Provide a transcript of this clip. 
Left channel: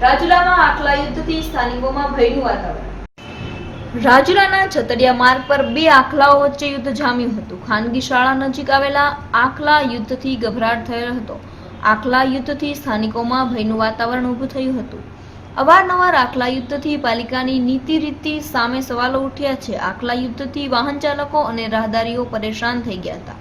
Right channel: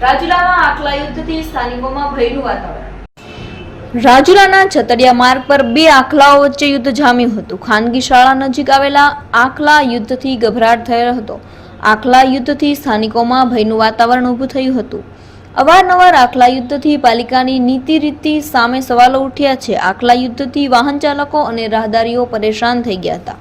રાજુલામાં આખલા યુદ્ધથી સ્થાનિકોમાં ભયનું વાતાવરણ। રાજુલાના છતડિયા માર્ગ પર બે આખલાઓ વચ્ચે યુદ્ધ જામ્યું હતું। ખાનગી શાળા નજીક આવેલા આખલા યુદ્ધથી ગભરાટ થયો હતો। આખલા યુદ્ધથી સ્થાનિકોમાં ભયનું વાતાવરણ ઊભું થયું હતું। અવારનવાર આખલા યુદ્ધથી પાલિકાની નીતિ રીતિ સામે સવાલો ઉઠ્યા છે। આખલા યુદ્ધથી વાહન ચાલકો અને રાહદારીઓ પરેશાન થઈ ગયા હતા।